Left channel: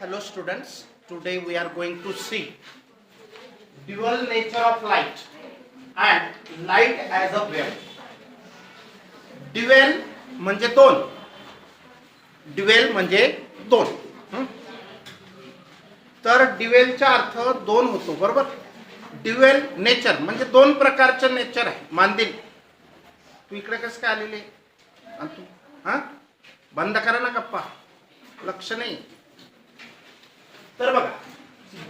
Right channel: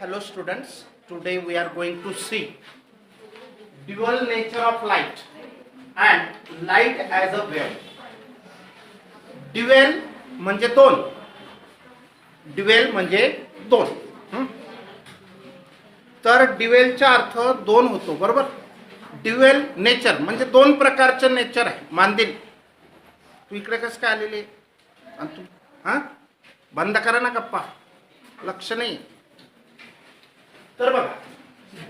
Hello students, today we are going to see dual nature of light and light as a wave. Dual म्हणजे दोन, dual म्हणजे दोन. तर ड्युएलचा अर्थ दोन होतो, बरोबर. ड्युएल नेचर म्हणजे दोन प्रकारचे नेचर आहे. मानदिल तू इकडे कसं काय आलेले तू बंद करा ना गप्पा, लक्ष नाही. तर बघा,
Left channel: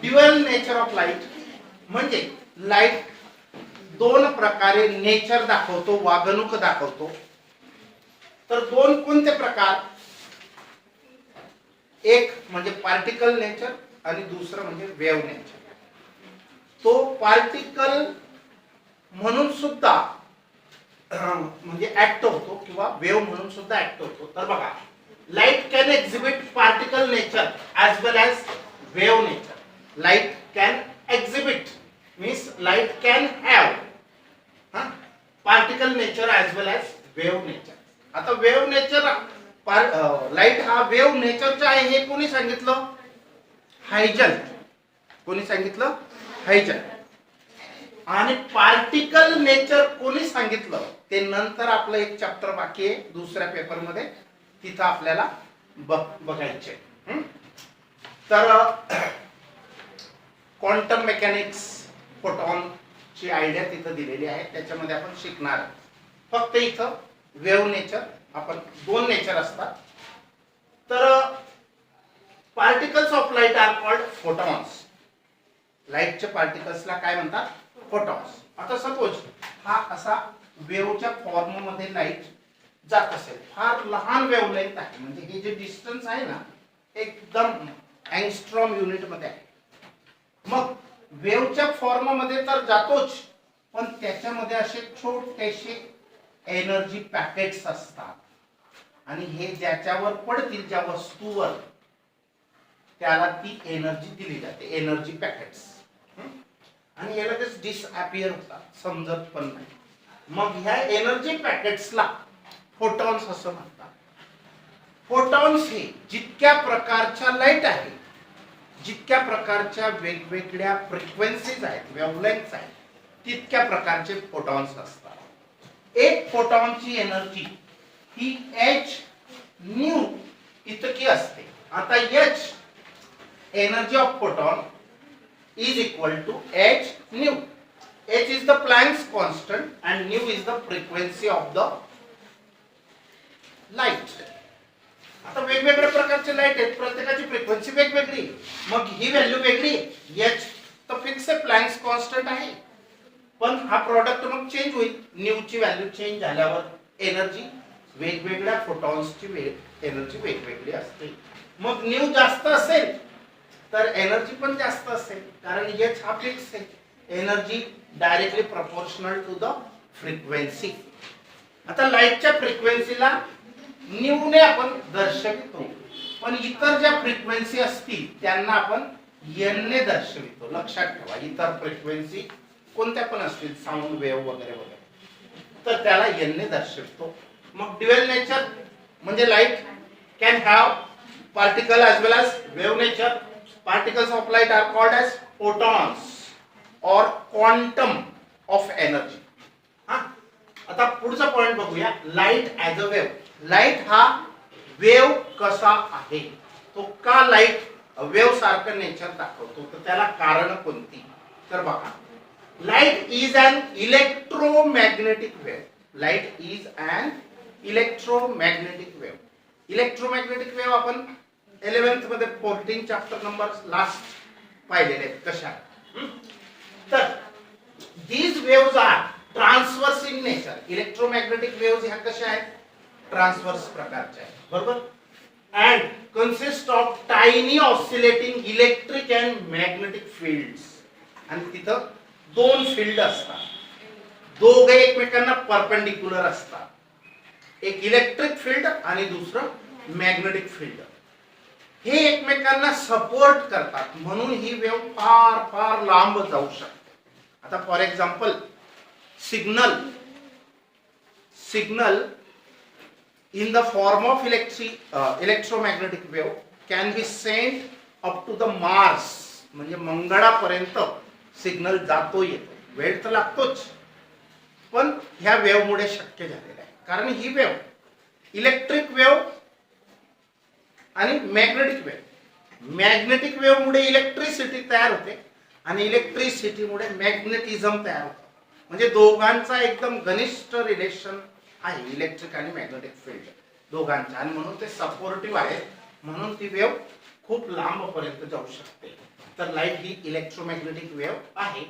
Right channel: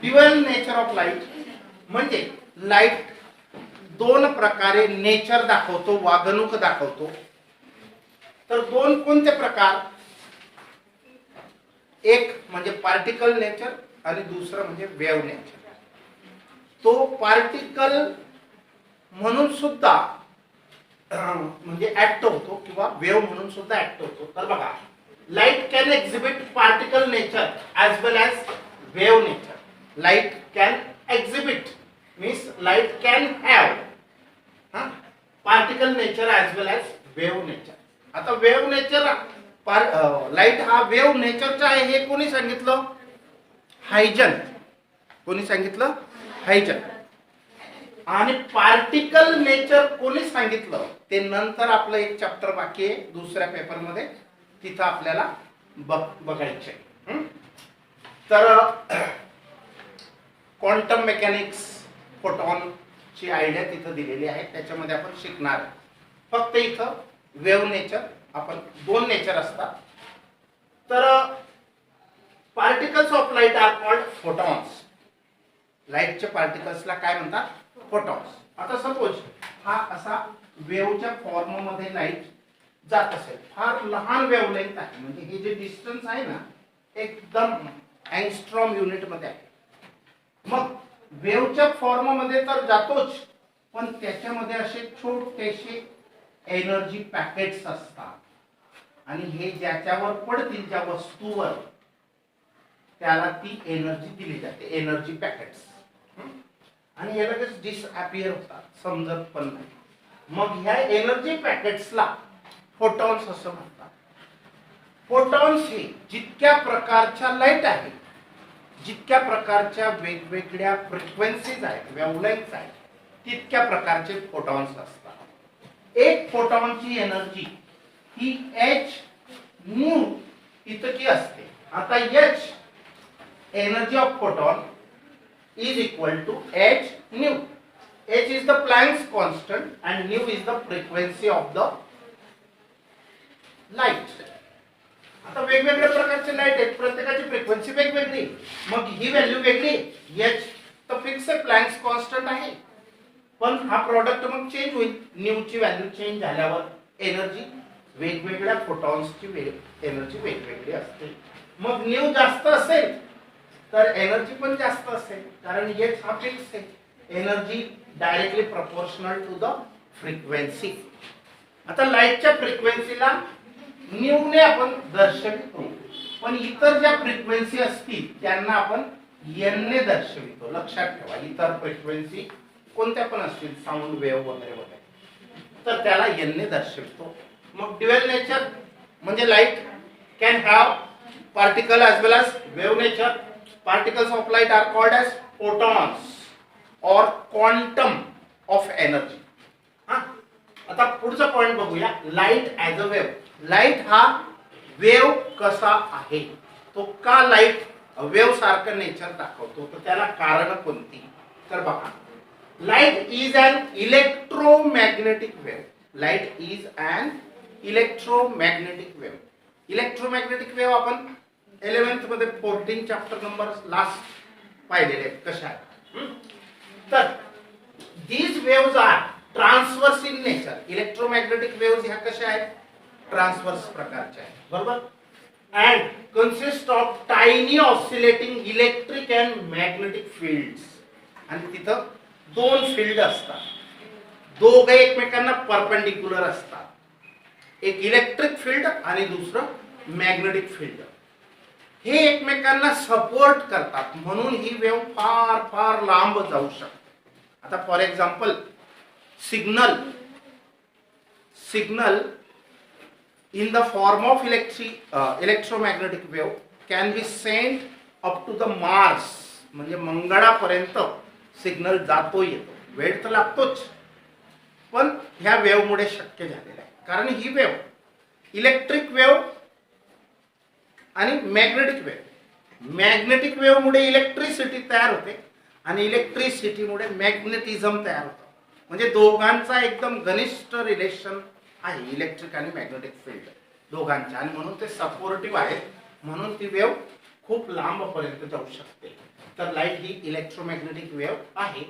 ड्युअल नेचर ऑफ लाईट म्हणजे लाईट दोन प्रकारे नेचर दाखवतो, वागणूक दाखवतो. तर दोन कोणते प्रकार? एक म्हणजे पार्टिकल नेचर आणि दुसरं म्हणजे वेव्ह नेचर. तो पार्टिकल म्हणून सुद्धा म्हणजे ऍक्ट होतो किंवा वेव्ह म्हणून सुद्धा ऍक्ट होतो. तर बघा, light can exhibit particle nature as well as wave nature. Light can exhibit means light can have particle nature as well as wave nature. आता wave nature लाईट हा wave nature चा आहे हे कोणी सांगितलं? हायजन. कोणी सांगितलं? हायजन. आणि पार्टिकल नेचर कोणी सांगितलं ते नंतर आपलं एक चॅप्टर बाकी आहे दुसऱ्या पेपर मध्ये, तिथं आपल्याला बघायचे. तर क्वांटम मेकॅनिक्स, फोटॉन ची आयडिया तिथं दिलेली आहे, त्याच्यामध्ये आपण शिकणार आहे. फक्त इथं वेव्ह नेचर, आपण दोन नेचर असतात. तर particles of light are called photons. लाईटच्या पार्टिकल्सला काय म्हणतात? फोटॉन्स. आता सपोज हा असा वेव्हच्या फॉर्म मध्ये लाईट जात असेल, फार लहान वेव्हलेंथ आहे, म्हणजे हे जे डिस्टन्स आहे ना एकदम अँगस्ट्रॉम युनिट मध्ये आहे. मग वेव्हच्या फॉर्म मध्ये तर जातोच, पण त्याच्यामध्ये असे छोटेसे एनर्जी पॅकेट्स असतात आणि हे ज्याच्यावर पडतील, ज्या वस्तूवर, त्याला ती एनर्जी दिली जाते, एनर्जी पॅकेट्स. आणि हे लगेच डिसअपियर होतात, समजत पण नाही. मग ह्या एनर्जी पॅकेट्सला फोटॉन्स असं म्हणतात. फोटॉन्स हे जितक्या प्रकारच्या लाईट आहे, जितक्या प्रकारच्या वेगवेगळ्या फ्रिक्वेन्सीज आहेत, वेव्हलेंथ्स आहेत, तितक्या प्रकारचे फोटॉन्स असतात. एक फोटॉनची एनर्जी ही h न्यू इतकी असते. आता h energy of photon is equal to h nu. h is the Planck's constant and nu is the frequency of the light. आता वेगवेगळ्या प्रकारचे लाईट आहेत, प्रत्येकाची फ्रिक्वेन्सी वेगवेगळी, मग ही व्हॅल्यू वेगळी. h तर फिक्स आहे, प्लँक्स कॉन्स्टंट आहे, पण हा प्रोडक्ट मग चेंज होईल. न्यू ची व्हॅल्यू चेंज झाल्यावर एनर्जी वेगवेगळ्या फोटॉन्सची एनर्जी वेगवेगळी असते. मग न्यू जास्त असेल तर एनर्जी पण जास्त असेल, कारण h हा फिक्स आहे. Energy directly proportional to the frequency. आता लाईटच्या फ्रिक्वेन्सीला न्यू ने आपण दर्शवितो, पण इतर ज्या फ्रिक्वेन्सी असतील त्यांना आपण n ने दर्शवितो. लक्षात ठेवा, इतर फ्रिक्वेन्सी कोणत्या पण असतील, साऊंड वेव्ह वगैरे वगैरे, तर त्याला n ने दर्शवितो. मग ड्युअल नेचर म्हणजे light can have particle as well as wave nature. Particles of light are called as photons or quantum of energy. आता पुढचा पॉइंट बघूया, light as a wave. Light हा वेव्ह कसा आहे, तो का लाईट वेव्ह सारखं नेचर दाखवतो, तर त्याला कारण कोणती? तर बघा, light is an electromagnetic wave. Light is an electromagnetic wave. Electromagnetic wave आपण 11th मध्ये 14 चॅप्टर नंबर लास्ट पाहिलेले कशा. तर these waves are transverse in nature. Electromagnetic waves ह्या कशा आहेत? ट्रान्सवर्स प्रकारच्या आहेत, बरोबर. And consist of tiny oscillating electric and magnetic fields. आणि तिथं दोन फील्ड असतात, दोघे एकमेकांना परपेंडिक्युलर असतात. एक इलेक्ट्रिक फील्ड आणि दुसरं मॅग्नेटिक फील्ड. हे एकमेकांना सपोर्ट करतात, म्हणून ही वेव्ह फार फार लांब जाऊ शकते. आता for example, signal in the form of electromagnetic wave can be sent up to the Mars, म्हणजे मंगळापर्यंत सिग्नल जातो येतो, वेळ तर लागतोच, पण ह्या वेव्हमुळे शक्य झालेलं आहे. कारण ही वेव्ह इलेक्ट्रिक वेव्ह आणि मॅग्नेटिक वेव्ह, मॅग्नेटिक वेव्ह मुळे इलेक्ट्रिसिटी तयार होते आणि इलेक्ट्रिसिटीमुळे मॅग्नेटिझम तयार होतं. म्हणजे दोघांचा एकदम घनिष्ठ रिलेशन आहे, इलेक्ट्रिक आणि मॅग्नेटिक फील्ड दोघांच्या, आणि म्हणून ते सपोर्टिव्ह आहे, म्हणून ती वेव्ह खूप लांब पर्यंत जाऊ शकते. तर लाईट ही इलेक्ट्रोमॅग्नेटिक वेव्ह आहे.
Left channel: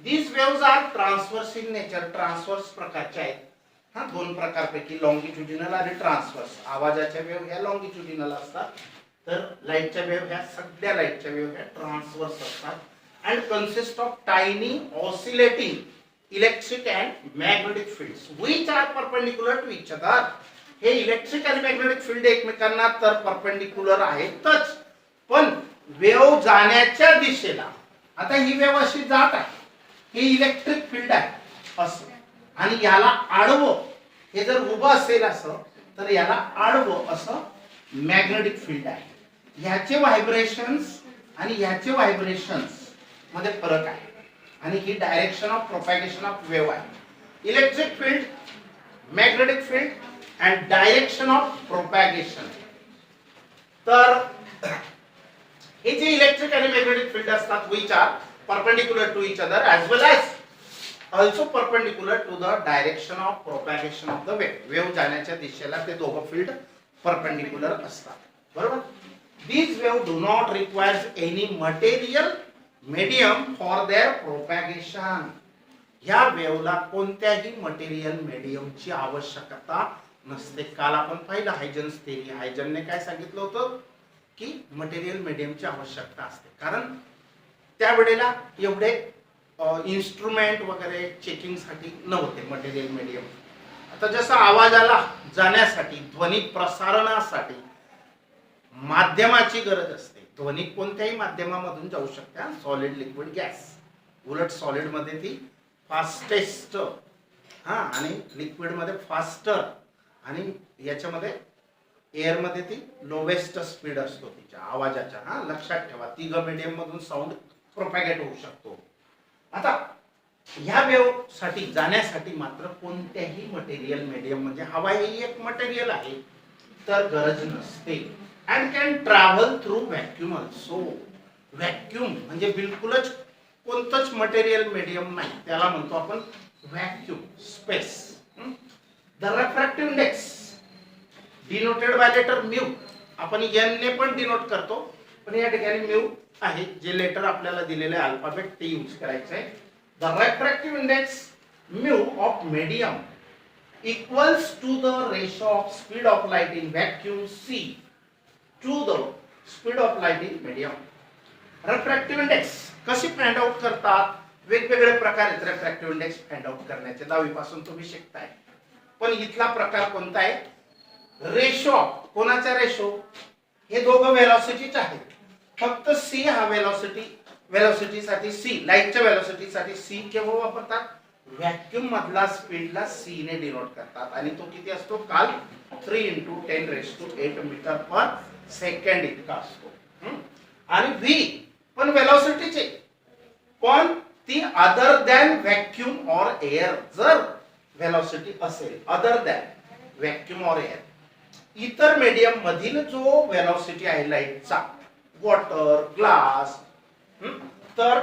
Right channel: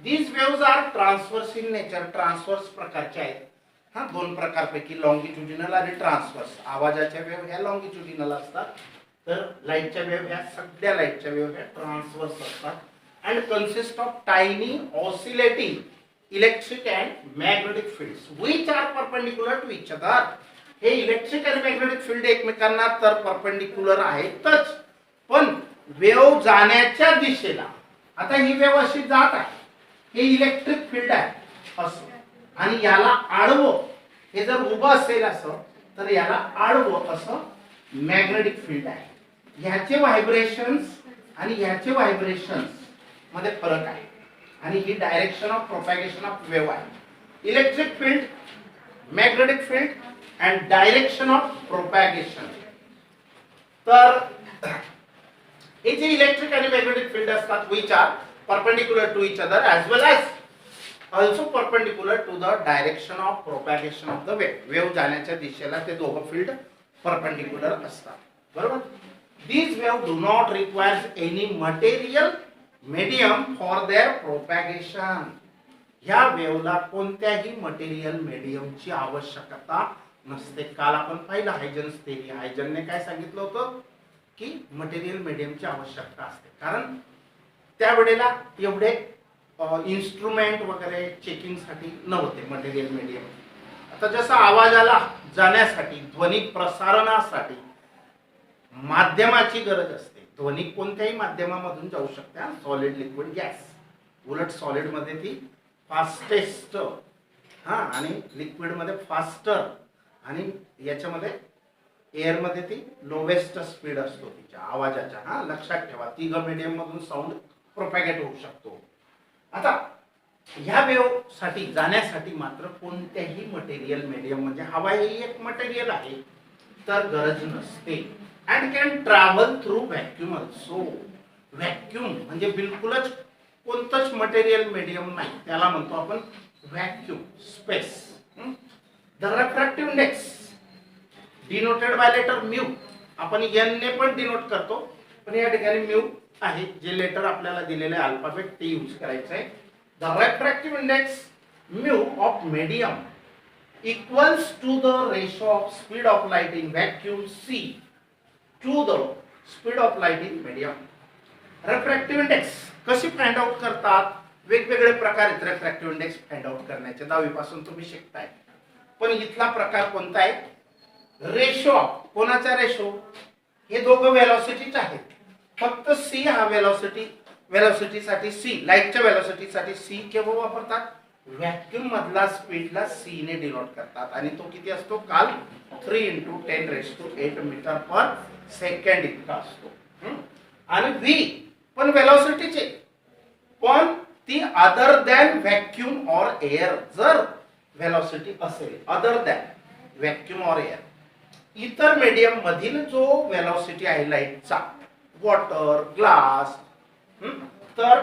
These waves are transverse in nature, transverse प्रकारचे आहेत. हा, दोन प्रकारपैकी लॉंगिट्युडिनल आणि ट्रान्सवर्स. आवाजाच्या वेव्ह ह्या लॉंगिट्युडिनल असतात, तर लाईटच्या वेव्ह ह्या, सगळ्या लाईटच्या वेव्ह ह्या ट्रान्सवर्स असतात. And consist of tiny oscillating electric and magnetic fields which are perpendicular to each other. हे इलेक्ट्रिक आणि मॅग्नेटिक फील्ड एकमेकांना तर परपेंडिक्युलर आहेतच, पण वेव्ह जाण्याच्या दिशेला, आता ही वेव्ह अशी जात आहे, हे इलेक्ट्रिक फील्ड आहे असं, आणि याला आडवं, हे जर उभं असेल असं, तर याला आडवं असं मॅग्नेटिक फील्ड आहे. ह्याचे व्हायब्रेशन्स आणि ह्याचे व्हायब्रेशन्स मध्ये फरक आहे, आणि ही direction of propagation of wave आहे. Electric field, magnetic field and direction of propagation. तर हे जे इलेक्ट्रिक आणि मॅग्नेटिक फील्ड असतात, which are perpendicular to each other as well as also perpendicular to the direction of propagation of the wave. Wave जाण्याच्या दिशेला ते दोघं field perpendicular असतात, बरोबर. These waves do not require any material medium for their propagation. ह्या वेव्हला कोणत्याही material मीडियमची आवश्यकता नसते. काल आपण पाहिलं हायजन्स थेरी. हायजनने काय सांगितलं होतं की मटेरियल मीडियमची आवश्यकता असते, कारण त्यावेळेला एवढे इन्स्ट्रुमेंट वगैरे चेकिंगसाठी नव्हते मटेरियल मीडियम. आता जसं आवाजाला जाण्यासाठी, ध्वनी प्रसारणासाठी माध्यमाची गरज असते. ध्वनी कोणत्याही माध्यमामधून जाऊ शकते, सॉलिड, लिक्विड, गॅस. उलट सॉलिड मध्ये ती फास्टेस्ट, हा, आणि लिक्विड मध्ये फास्टर, आणि याच्यामध्ये एअर मध्ये ती लोवेस्ट स्पीड असतो तिच्या आवाजाच्या. हा, लक्षात ठेवा, तिघ मीडियम मधून साऊंड प्रोपॅगेट होऊ शकतो. आता ह्या वेव्ह साठी जाण्यासाठी मात्र कोणत्याही मटेरियल मीडियम, म्हणजे हवा हे एक मटेरियल आहे, तर गरज नसते. And can travel through vacuum also. Vacuum म्हणजे बिलकुलच कोणतंच मटेरियल मीडियम नाही, त्याला म्हणतो आपण vacuum, space. The refractive index denoted by letter mu. आपण एन ने पण डिनोट करतो, पण या ठिकाणी म्यू आहे, जे लेटर आपल्याला दिलेले अल्फाबेट ते यूज करायचं आहे. The refractive index mu of medium equals to the ratio of speed of light in vacuum c to the speed of light in medium. Refractive index कशी फाइंड आउट करतात? वेगवेगळे प्रकार आहेत रिफ्रॅक्टिव्ह इंडेक्स फाइंड आउट करण्याचे, 10वी पासून तुम्ही शिकताय. पण इथला प्रकार कोणता आहे? Ratio of. कोणाचा रेशो? हे दोघं वेलोसिटीच आहेत, फक्त सी हा वेलोसिटीसाठी सी, लाईटच्या वेलोसिटीसाठी सी केव्हा वापरतात? व्हॅक्यूम मधला स्पीडला सी ने डिनोट करतात, आणि तो किती असतो? काल 3 × 10⁸ मीटर पर सेकंड इतका असतो. आणि व्ही पण वेलोसिटीचे, पण ती other than vacuum or air. जर वेलोसिटी असेल other than vacuum or air, इतर मीडियम मधील जो वेलोसिटी आहे लाईटचा, वॉटर, ग्लास, तर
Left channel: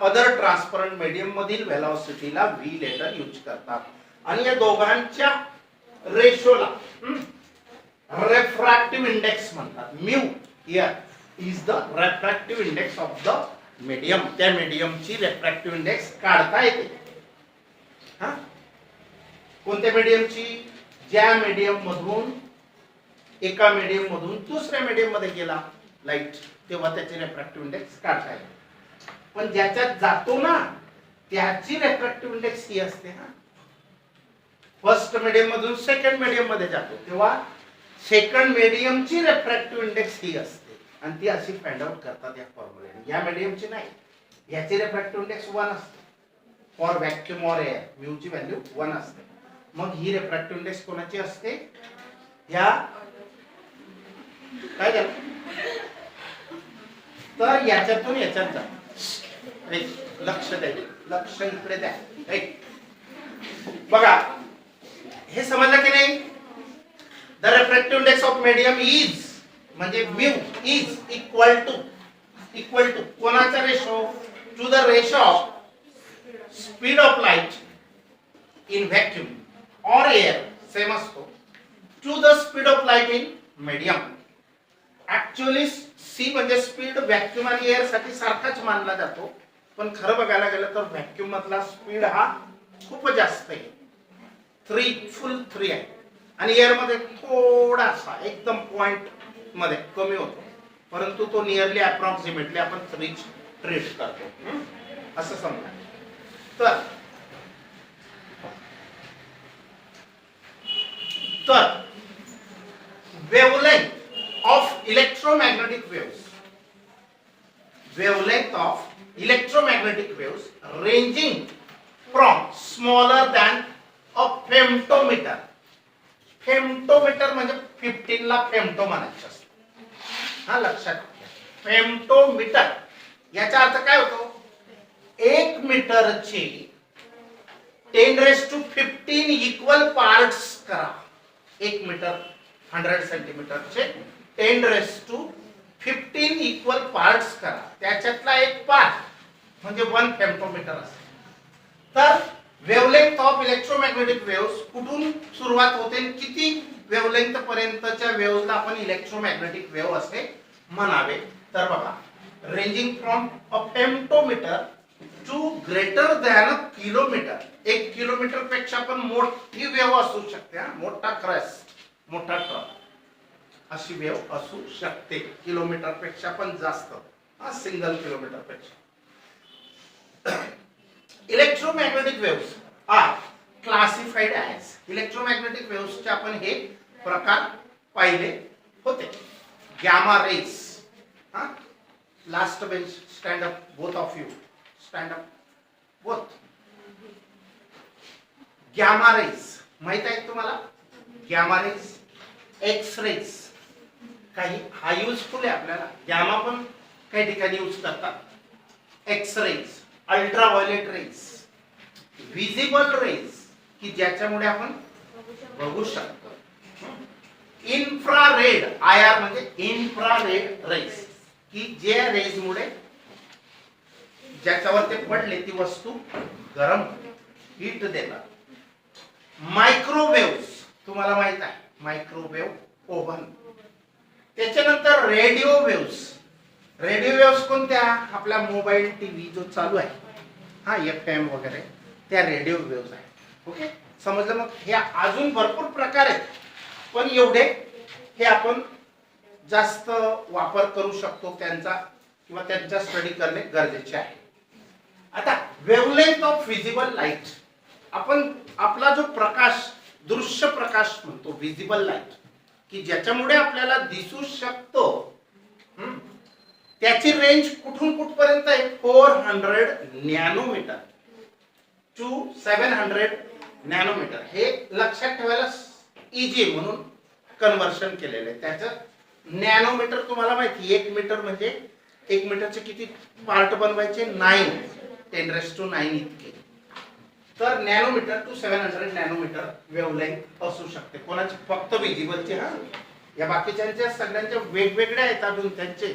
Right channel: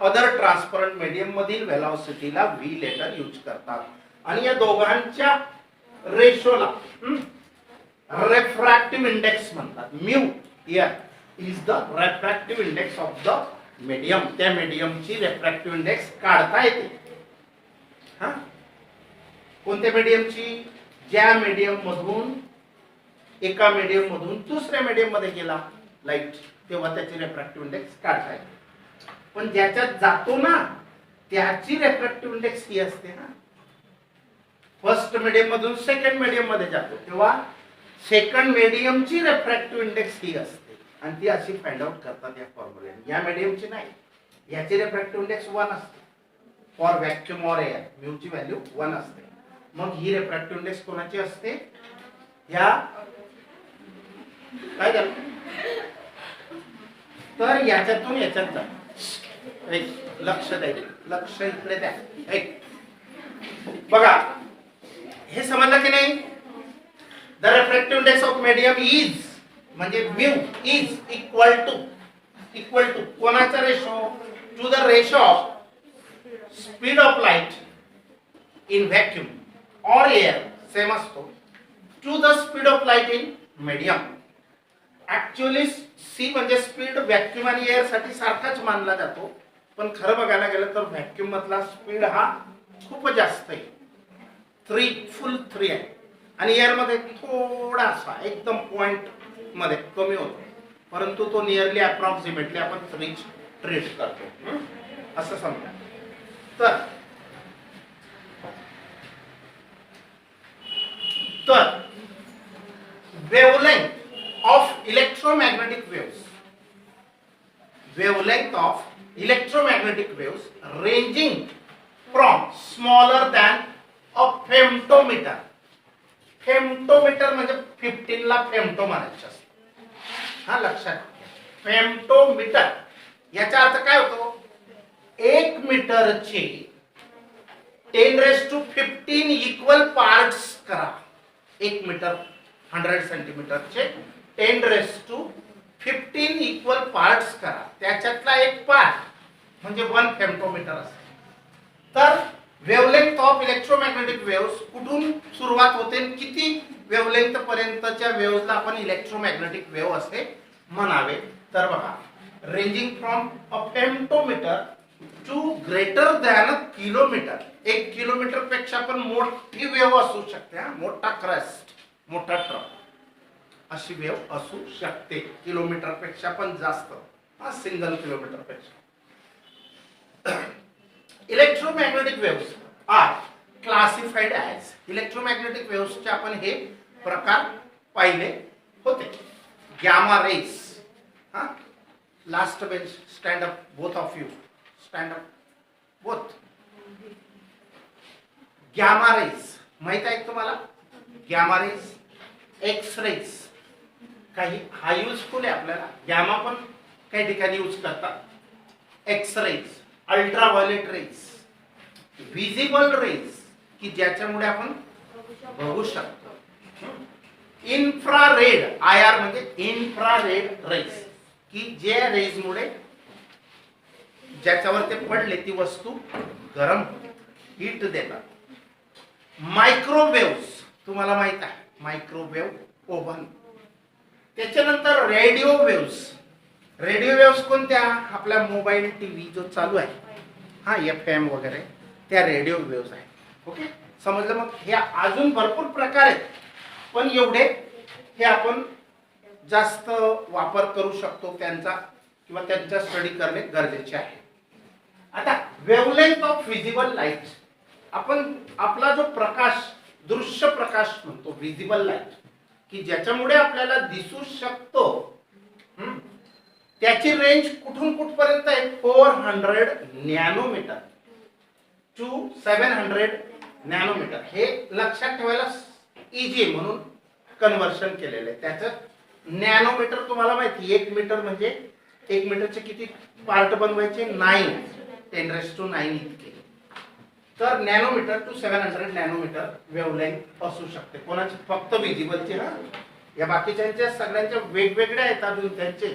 अदर ट्रान्सपरंट मीडियम मधील वेलोसिटीला व्ही लेटर यूज करतात. आणि या दोघांच्या रेशोला रिफ्रॅक्टिव्ह इंडेक्स म्हणतात. Mu here is the refractive index of the medium. त्या मीडियमची रिफ्रॅक्टिव्ह इंडेक्स काढता येते. हा, कोणत्या मीडियमची? ज्या मीडियम मधून, एका मीडियम मधून दुसऱ्या मीडियम मध्ये गेला लाईट, तेव्हा त्याची रिफ्रॅक्टिव्ह इंडेक्स काढता येते. पण ज्याच्यात जातो ना, त्याची रिफ्रॅक्टिव्ह इंडेक्स ही असते. हा, फर्स्ट मीडियम मधून सेकंड मीडियम मध्ये जातो, तेव्हा सेकंड मीडियमची रिफ्रॅक्टिव्ह इंडेक्स ही असते, आणि ती अशी फाइंड आउट करतात या फॉर्म्युलेने. या मीडियमची नाही, याची रिफ्रॅक्टिव्ह इंडेक्स 1 असते. For vacuum or air mu ची व्हॅल्यू 1 असते. मग ही रिफ्रॅक्टिव्ह इंडेक्स कोणाची असते? ह्या काय झालं? तर याच्यातून याच्यात जा. लक्ष द्या, लक्ष इकडे द्या. बघा हे समजलं की नाही? The refractive index of medium is म्हणजे म्यू इज इक्वल टू कोणाचा ratio? To the ratio of speed of light in vacuum or air same असतो to the speed of light in medium. Actually c म्हणजे speed vacuum आणि air साठी सारखाच मानला जातो, पण खरं बघायला गेलं तर व्हॅक्यूम मधला स्पीड हा खूप जास्त आहे, फुल 3 आहे, आणि एअर मध्ये थोडासा एकदम पॉइंट मध्ये कमी होतो, परंतु तो नियरली अप्रॉक्सिमेटली आपण 3 ट्रीट करतो असं समजा. तर wavelength of electromagnetic waves ranging from smaller than a femtometer. फेम्टोमीटर म्हणजे 15 ला फेम्टो म्हणायचं असतं, हा लक्षात घ्या. फेम्टोमीटर याचा अर्थ काय होतो? 1 मीटरचे 10⁻15 इक्वल पार्ट्स करा. 1 मीटर 100 सेंटीमीटरचे 10⁻15 इक्वल पार्ट्स करा, त्याच्यातला एक पार्ट म्हणजे 1 फेम्टोमीटर असेल. तर वेवलेंथ ऑफ इलेक्ट्रोमॅग्नेटिक वेव्स कुठून सुरुवात होते, किती वेवलेंथ पर्यंतच्या वेव्सला आपण इलेक्ट्रोमॅग्नेटिक वेव्ह असे म्हणावे? तर बघा, ranging from a femtometre to greater than a kilometre. 1 kilometre पेक्षा पण मोठी वेव्ह असू शकते, मोठा क्रेस्ट, मोठा ट्रक अशी वेव्ह असू शकते. किलोमीटर पेक्षा पण जास्त, सिंगल किलोमीटर पेक्षा. Electromagnetic waves are classified as. Electromagnetic वेव्सचे आपण हे प्रकार पाहिले होते. Gamma rays, last bench stand up, both of you stand up, both. Gamma rays माहित आहे तुम्हाला? गॅमा रेज, एक्स रेज काही हा युजफुल आहे आपल्याला, गॅमा पण काही ठिकाणी यूज करतात. X rays, ultraviolet rays, visible rays की ज्याच्यामुळे आपण बघू शकतो. इन्फ्रारेड, आयआर म्हणजे इन्फ्रारेड रेज की जे रेज मुळे ज्याच्यावर ते पडले ती वस्तू गरम हीट देतात. मायक्रोवेव्स तुम्हाला माहित आहे, मायक्रोवेव्ह ओव्हन. त्याच्यानंतर रेडिओ वेव्स. रेडिओ वेव्स कोणत्या? आपला मोबाईल टीव्ही जो चालू आहे, FM वगैरे, त्या रेडिओ वेव्स आहे. ओके, समजलं? मग हे अजून भरपूर प्रकार आहेत, पण एवढे हे आपण जास्त वापर करू शकतो त्यांचा, किंवा त्यांचा स्टडी करणे गरजेचे आहे. आता वेवलेंथ ऑफ विजिबल लाईट, आपण आपला जो प्रकाश, दृश्य प्रकाश म्हणतो, विजिबल लाईट की ज्याच्यामुळे आपल्याला दिसू शकतो, त्याची रेंज कुठून कुठपर्यंत आहे? 400 नॅनोमीटर टू 700 नॅनोमीटर. हे लक्षात ठेवायला इझी आहे म्हणून कन्व्हर्शन केलेलं आहे. त्याचं नॅनोमीटर तुम्हाला माहिती, 1 मीटर म्हणजे 1 मीटरचे किती पार्ट बनवायचे? 9, 10⁻9 इतके. तर नॅनोमीटर टू 700 नॅनोमीटर वेवलेंथ असू शकते कोणाची? फक्त विजिबलची. या बाकीच्या सगळ्यांच्या वेगवेगळ्या आहेत अजून त्यांचे.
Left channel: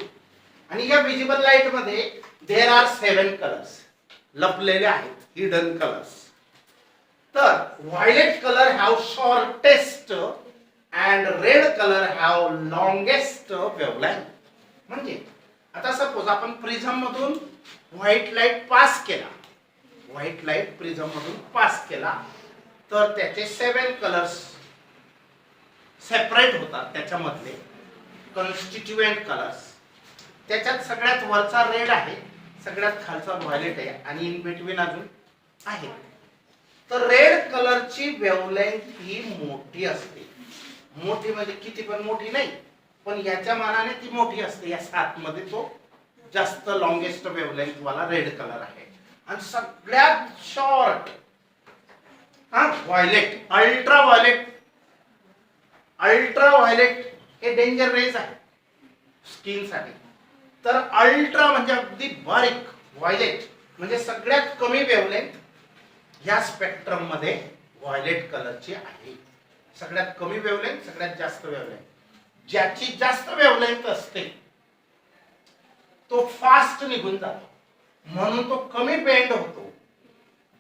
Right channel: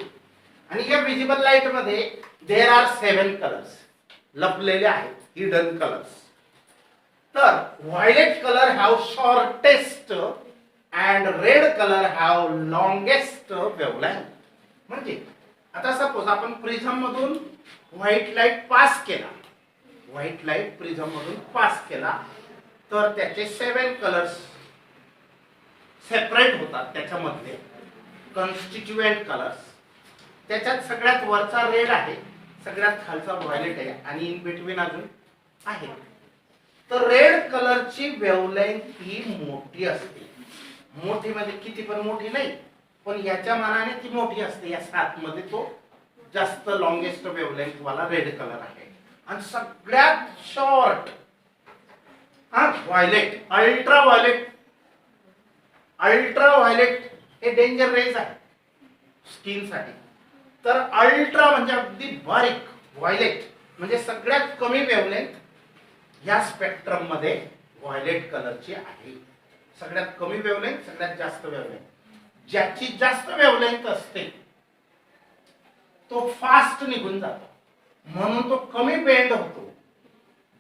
आणि या विजिबल लाईट मध्ये देर आर 7 कलर्स लपलेले आहेत, हिडन कलर्स. तर violet colour have shortest and red colour have longest wavelength. म्हणजे आता सपोज आपण प्रिझम मधून व्हाईट लाईट पास केला, व्हाईट लाईट प्रिझम मधून पास केला, तर त्याचे 7 कलर्स सेपरेट होतात. त्याच्यामधले कॉन्स्टिट्युएंट कलर्स, त्याच्यात सगळ्यात वरचा रेड आहे, सगळ्यात खालचा व्हायलेट आहे, आणि इन बिटवीन अजून आहे. तर रेड कलरची वेवलेंथ ही मोठी असते. मोठी म्हणजे किती पण मोठी नाही, पण याच्या मानाने ती मोठी असते. या 7 मध्ये तो जास्त लॉंगेस्ट वेवलेंथ वाला रेड कलर आहे. आणि सगळ्यात शॉर्ट व्हायलेट, अल्ट्राव्हायलेट. अल्ट्राव्हायलेट हे डेंजर रेज आहे स्किन साठी. तर अल्ट्रा म्हणजे अगदी बारीक व्हायलेट म्हणजे सगळ्यात कमी वेवलेंथ या स्पेक्ट्रम मध्ये व्हायलेट कलरची आहे. सगळ्यात कमी वेवलेंथ, सगळ्यात जास्त वेवलेंथ. ज्याची जास्त वेवलेंथ असते तो फास्ट निघून जातो, म्हणून तो कमी बेंड होतो.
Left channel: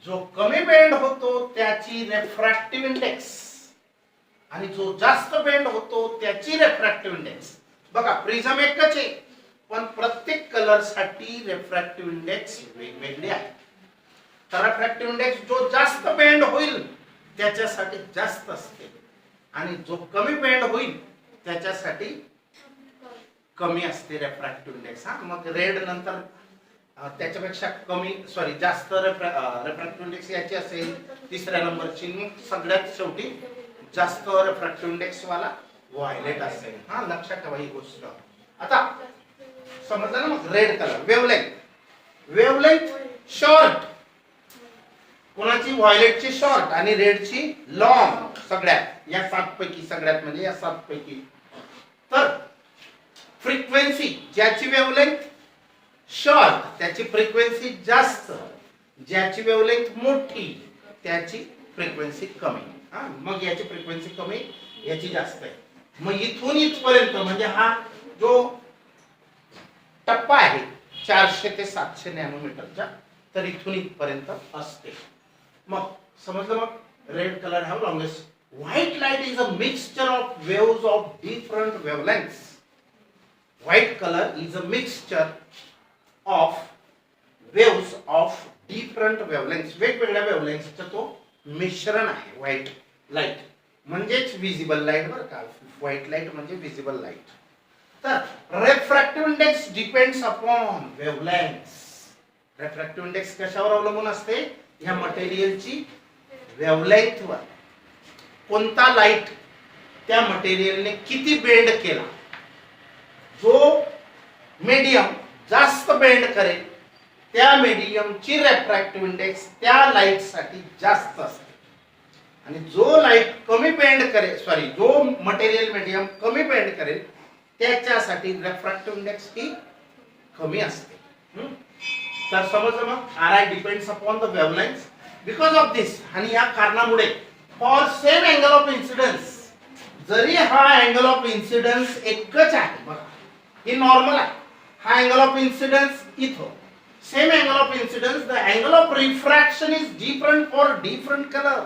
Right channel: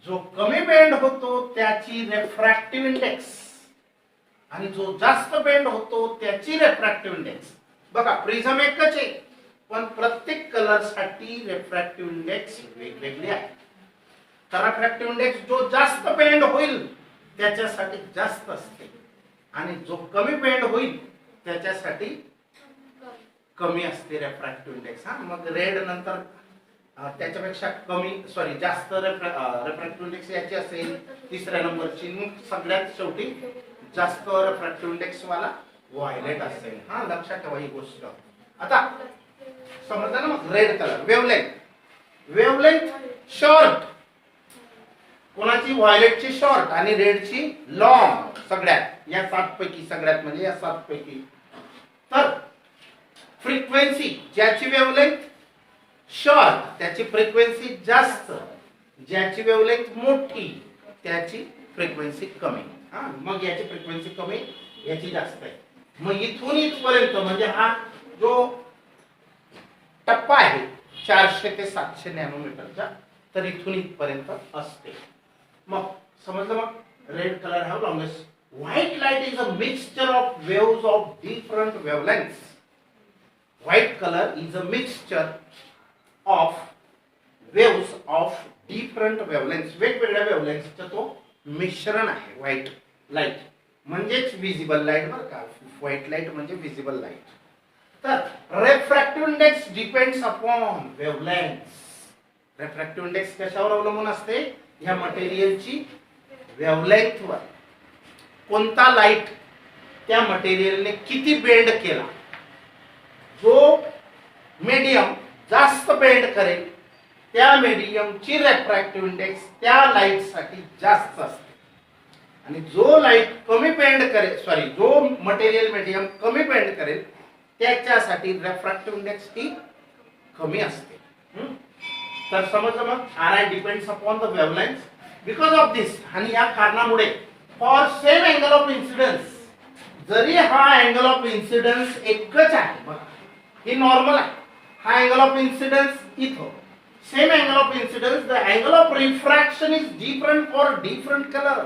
जो कमी बेंड होतो त्याची रेफ्रॅक्टिव्ह इंडेक्स आणि जो जास्त बेंड होतो त्याची रेफ्रॅक्टिव्ह इंडेक्स. बघा प्रिझम एकच आहे पण प्रत्येक कलर साठी रेफ्रॅक्टिव्ह इंडेक्स वेगवेगळी आहे. तर रेफ्रॅक्टिव्ह इंडेक्स जो जास्त बेंड होईल त्याच्यासाठी जास्त असते आणि जो कमी बेंड होईल त्याच्यासाठी कमी असते रेफ्रॅक्टिव्ह इंडेक्स. हा मग रेड नंतर त्याच्यापेक्षा कमी जास्त रेफ्रॅक्टिव्ह इंडेक्स याची असेल तिसऱ्या नंबरची. मग सगळ्यात शेवटी जास्त रेफ्रॅक्टिव्ह इंडेक्स वाला व्हायलेट असेल. हा लक्षात ठेवा ही गोष्ट. आता समजलं ना. मग रेड कलर वेवलेंथ शॉर्ट, कोणाची व्हायलेटची शॉर्ट आणि रेडची लॉंग. सगळ्यात या 7 पैकी सगळ्यात म्हणजे या 7 पैकी. तर फ्रिक्वेन्सी ज्याची वेवलेंथ शॉर्ट त्याची फ्रिक्वेन्सी जास्त, ज्याची वेवलेंथ मोठी त्याची फ्रिक्वेन्सी कमी. हा मग याची फ्रिक्वेन्सी कमी याची जास्त आहे. मग इथून इथपर्यंत म्हणजे हा जो टप्पा आहे 400 ते 700 नॅनोमीटरचा, तर इथून इथपर्यंत असते. मग समजलं. मग red colour have longest. White light is a mixture of waves of different wavelengths. White colour is a mixture of waves of different wavelengths. वेगवेगळ्या वेवलेंथ्सचं तो मिश्रण आहे व्हाईट लाईट. म्हणजेच विजिबल लाईट बरं का. व्हाईट लाईट म्हणजे विजिबल लाईट. तर refractive index depends upon wavelengths. Refractive index कशावर अवलंबून असते? या मटेरियलची वेवलेंथ वर. कोणता लाईट त्या मटेरियलने किती बेंड केला. जो मीडियम जास्त बेंड करेल त्या मीडियमची रेफ्रॅक्टिव्ह इंडेक्स त्या लाईट साठी जास्त असते आणि जो लाईट कमी बेंड करेल जो मटेरियल मीडियम कमी बेंड करेल त्याच्यासाठी रेफ्रॅक्टिव्ह इंडेक्स ही कमी असते. तर समजलं. मग RI depends upon the wavelength because of this. आणि या कारणामुळे for same angle of incidence, जरी हा अँगल ऑफ इन्सिडन्स एकच आहे बघा, ही नॉर्मल आहे. हा अँगल ऑफ इन्सिडन्स इथं same angle of incidence, the angle of refraction is different for different colour.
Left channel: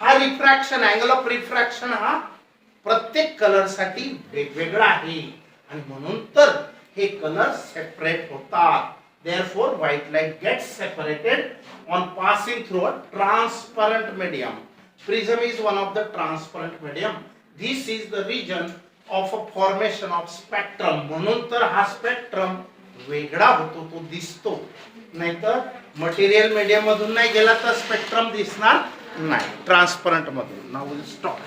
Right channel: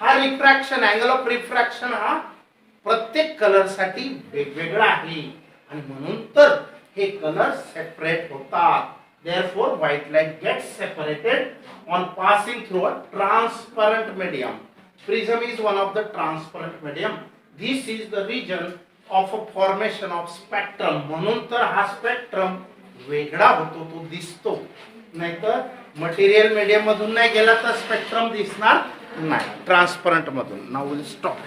हा रिफ्रॅक्शन अँगल ऑफ रिफ्रॅक्शन हा प्रत्येक कलर साठी वेगवेगळा आहे आणि म्हणून तर हे कलर सेपरेट होतात. Therefore, white light gets separated on passing through a transparent medium. Prism is one of the transparent medium. This is the region of a formation of spectrum. म्हणून तर हा स्पेक्ट्रम वेगळा होतो, तो दिसतो. नाहीतर मटेरियल मीडियम मधून नाही गेला तर स्पेक्ट्रम दिसणार नाही. ट्रान्सपरंट मधून. Now will stop.